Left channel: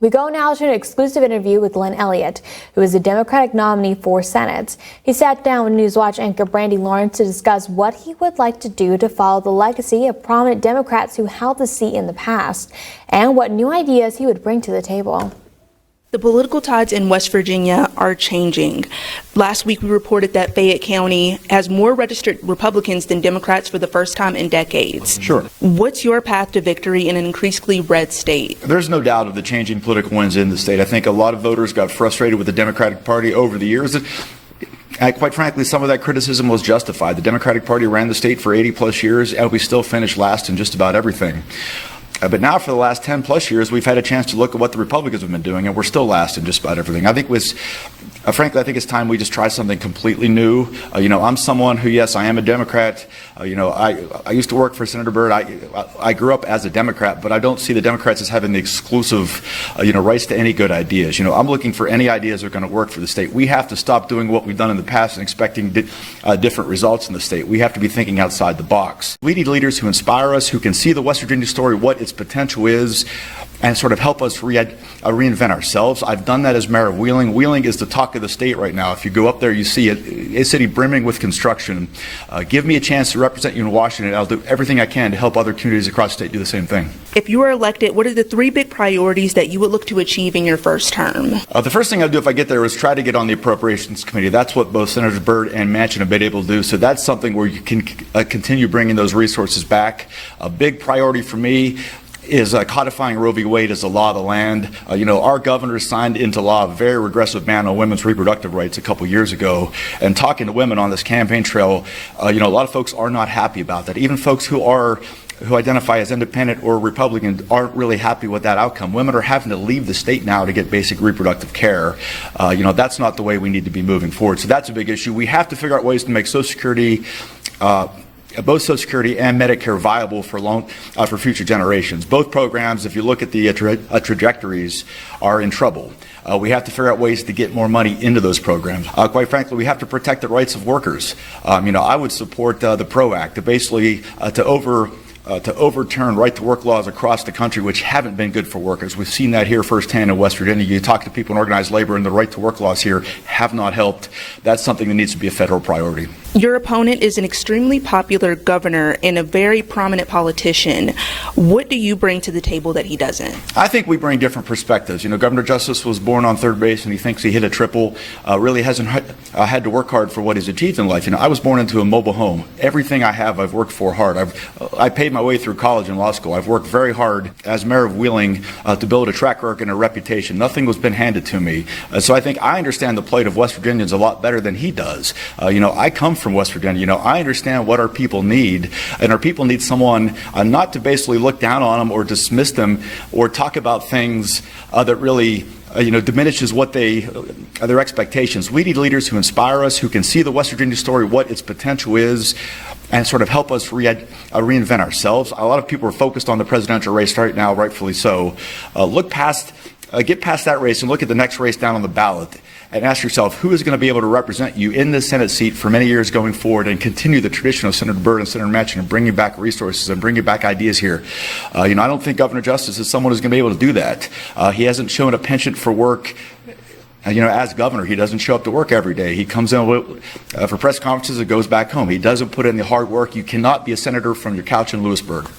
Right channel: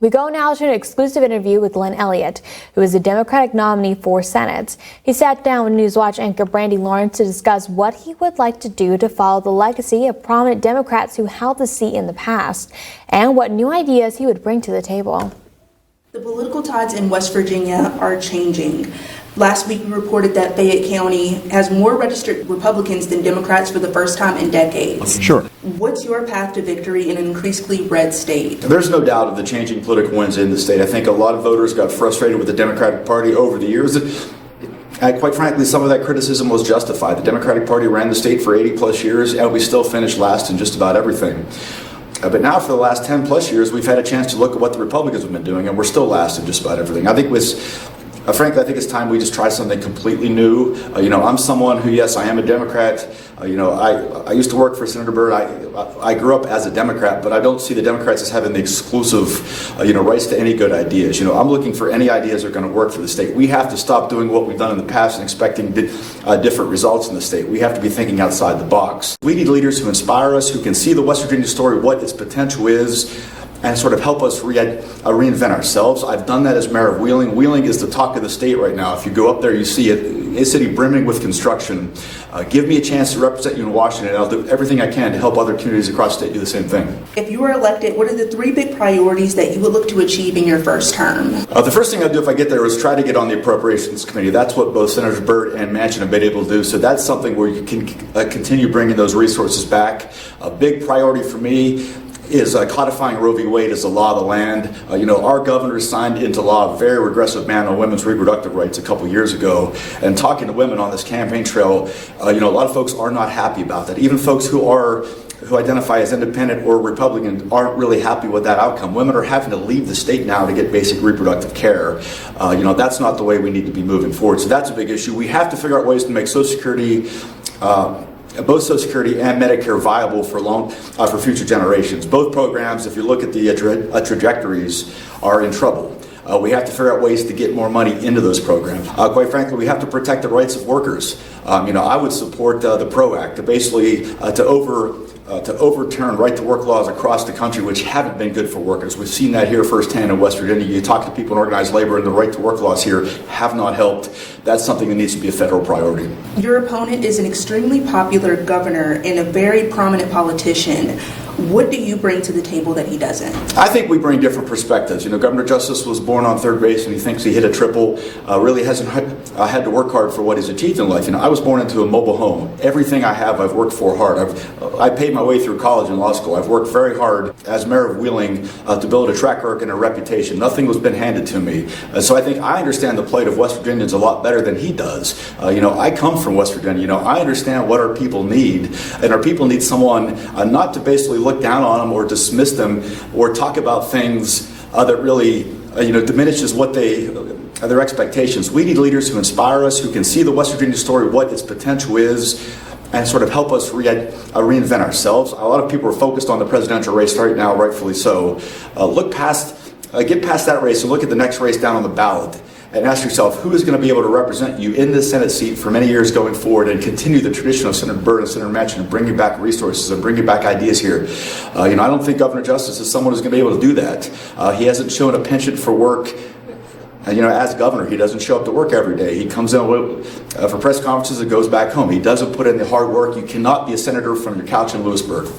We go now to an exclusive interview with Elliott, who is the Democratic nominee for Senate. He sat down with Newswatch anchor Brandy Lawrence to discuss what he would like to do to follow the legacy of prominent Democrats who held the seat in the past, and what new ideas he would bring to the table. The political tides in West Virginia are changing. Last week we reported that Fayette County has more registered Republicans than Democrats for the first time in decades. Sure. What's your path to victory in an increasingly red state? There's no doubt of the changing political winds in the state. I think a lot of voters got frustrated with the Democratic Party over the years. And quite frankly, some of that criticism was justified. The Democratic Party ran the state for 80 plus years, and we still finished last in just about everything. But now for the last 10 plus years, we've had a chance to look at what the Republicans have been doing, and we're still last in just about everything. I think frankly, I think it's time we just try something completely new. I'm someone who, yes, I am a Democrat. I used to work for Senator Byrd. I grew up as a Democrat, but I don't see the Democrats as having the exclusive, rights to any good ideas. I'm looking for any ideas that are going to work for the state. We have to stop doing what we've done in the past and expecting different results in the state. We have to be thinking outside the box. We need leaders who inspire us, who can see the West Virginia story, what its potential is, and sort of help us reinvent ourselves. I've done that as mayor of Wheeling. Wheeling is the talk of the state right now. If you go up there, you see it, a city brimming with construction. Give me a chance to represent you in Washington. I'll do everything I can to help other communities across the state do the same thing. If you were elected, what are the three big priorities that you would look to achieve in your first term? The first thing I'd do if I get there is try to get on the Appropriations Committee. That's what both Senators Byrd and Manchin have been able to do. So that's something where you can continue bringing those resources back. A big priority for me is codifying Roe v. Wade as the law of the land. Our governor signed into law a very regressive ban on women's reproductive rights a couple years ago. And talking to women on this campaign trail, a lot of folks are not happy about that. Even folks who identify as independent or Republican aren't really happy with that outcome. Women are having to leave the state now to get basic reproductive care. That's not the way we need to be moving forward. So that's a big issue. We have to figure out ways to make Social Security both Social Security and Medicare viable for future generations. Both programs, if you look at the trajectories, are in trouble. We have to figure out ways to get more money into those programs. Quite frankly, we have to protect the rights of workers. I would support the PRO Act, to overturn right-to-work laws across the country, which haven't been good for workers. We've seen that here firsthand in West Virginia. You talk to people in organized labor, and the right-to-work laws here have not helped. That's something that needs to be a federal priority. Your opponent is an extremely popular governor and a very prominent politician. What do you bring to the table that he doesn't? I think we bring different perspectives. Governor Justice was born on third base, and he thinks he hit a triple. Really hasn't had to work hard for what he's achieved in life. I was born into a mobile home. Everything I have, I've worked for hard. I paid my way through college and law school. I've worked very hard as mayor of Wheeling to build a track record and a reputation. Nothing was been handed to me. So I think I understand the plight of West Virginians a lot better than he does. I come from West Virginia. I understand what our people need, and our people need someone not to basically look down on them or dismiss them or talk about things that really diminishes their expectations. We need leaders who inspire us, who can see the West Virginia story, what its potential is, and sort of help us reinvent ourselves. A lot of people are focused on the presidential race right now, rightfully so. Get past that race and look at the next race down on the ballot and ask yourself, who is going to be able to represent you in this Senate seat for many years going forward and continue the tradition of Senator Byrd and Senator Manchin and bring you back resources and bring you back ideas here. I don't think Governor Justice is someone who's going to be able to do that. He hasn't shown a penchant for work. As governor, he doesn't show up to work every day. He comes in for press conferences and goes back home. He doesn't put in the hard work. You cannot be a senator from your couch in Lewisburg.